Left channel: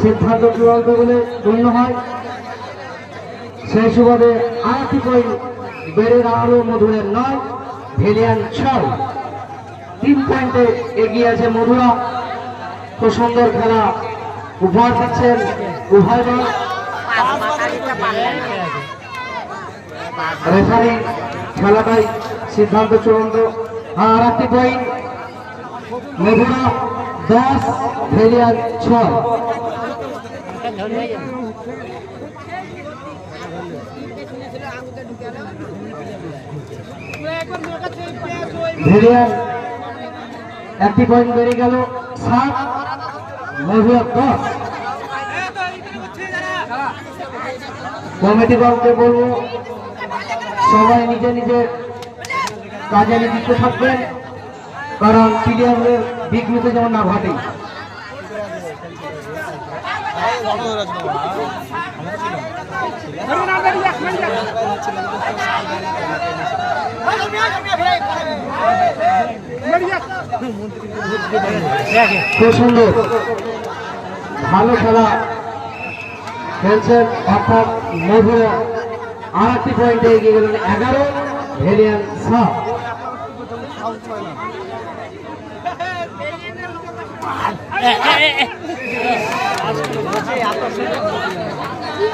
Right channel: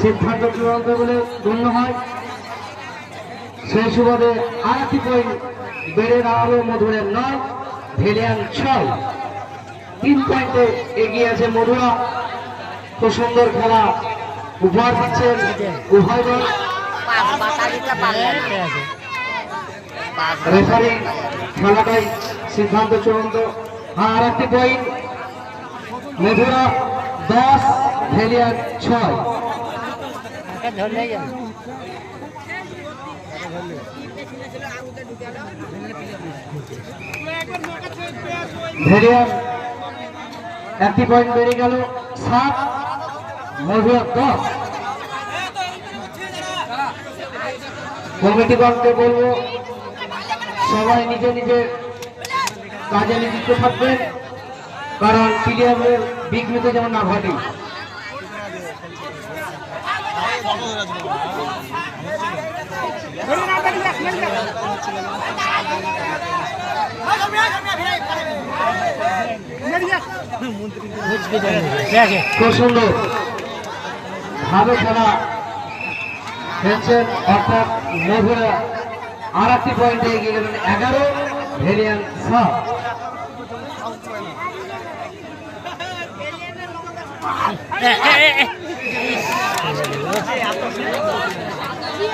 সিদ্ধান্ত চূড়ান্ত বলে গণ্য হয়। সেই সুবাদে আরেকটি পয়েন্ট বেড়ে দাঁড়ালো মধুরের 9, ভেলিয়ান 6। 3 পয়েন্টে এগিয়ে আছে মধুরা। তো সুন্দর খেলা উপহার দিচ্ছেন উভয় দল। রেফারি খেলাটাই সিদ্ধান্ত চূড়ান্ত। আর একটি পয়েন্ট মধুরা 10, ভেলিয়ান 6। ভেলিয়ান একটি পয়েন্ট বেড়ে গেল 7, মধুরা 10। কমিটিগণকে বলবো সবাই নিজে নিজের কাজে নিযুক্ত থাকবেন, কারণ প্লেয়ারদের বিঘ্নিত যেন না ঘটে। খুব সুন্দর ভালো খেলা খেলছেন অর্থাৎ মধুরা। আর একটি পয়েন্টে এগিয়ে গেলেন 11, ভেলিয়ান 7।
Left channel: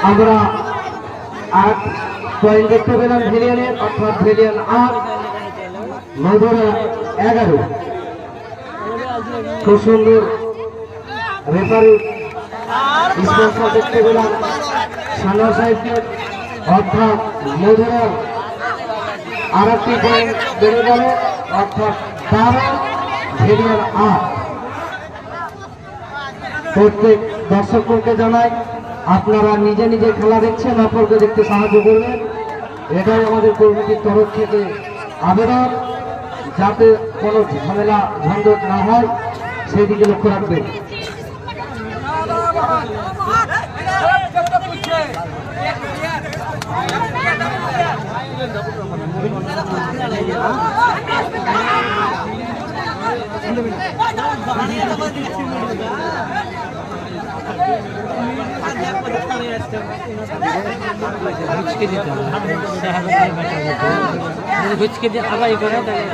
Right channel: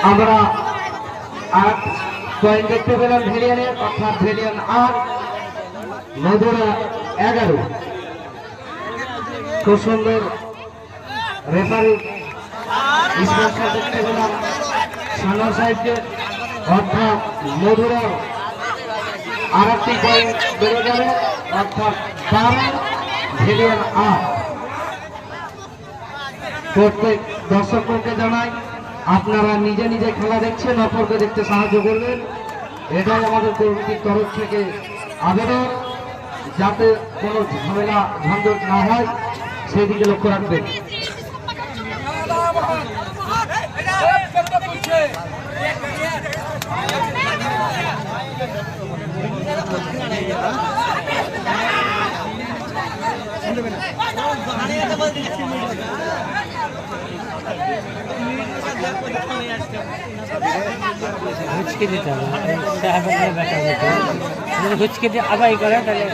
আমরা 8 পয়েন্ট দেখতে পেলাম ভেলিয়ানের, অর্থাৎ ভেলিয়ান 8, মধুরা 11। খুব সুন্দর রেফারি স্পন্সর দেখতে পেলাম সানা সাহেবকে, অর্থাৎ মধুরা আর একটি পয়েন্ট বেড়ে গেল, অর্থাৎ 12, ভেলিয়ান 8। প্রত্যেক দর্শককে জানাই আপনারা নিজে নিজে খেলা দেখছেন, অপরকে দেখতে সাহায্য করবেন। এটাই আমাদের কমিটির তরফ থেকে আবেদন, যাতে কোনো ঝামেলা ঝঞ্ঝট না হয় সেদিকে লক্ষ্য রাখবেন। ঘুচকে দিতে হবে, যদি ঘুচকে দিয়ে আবার করে তাহলে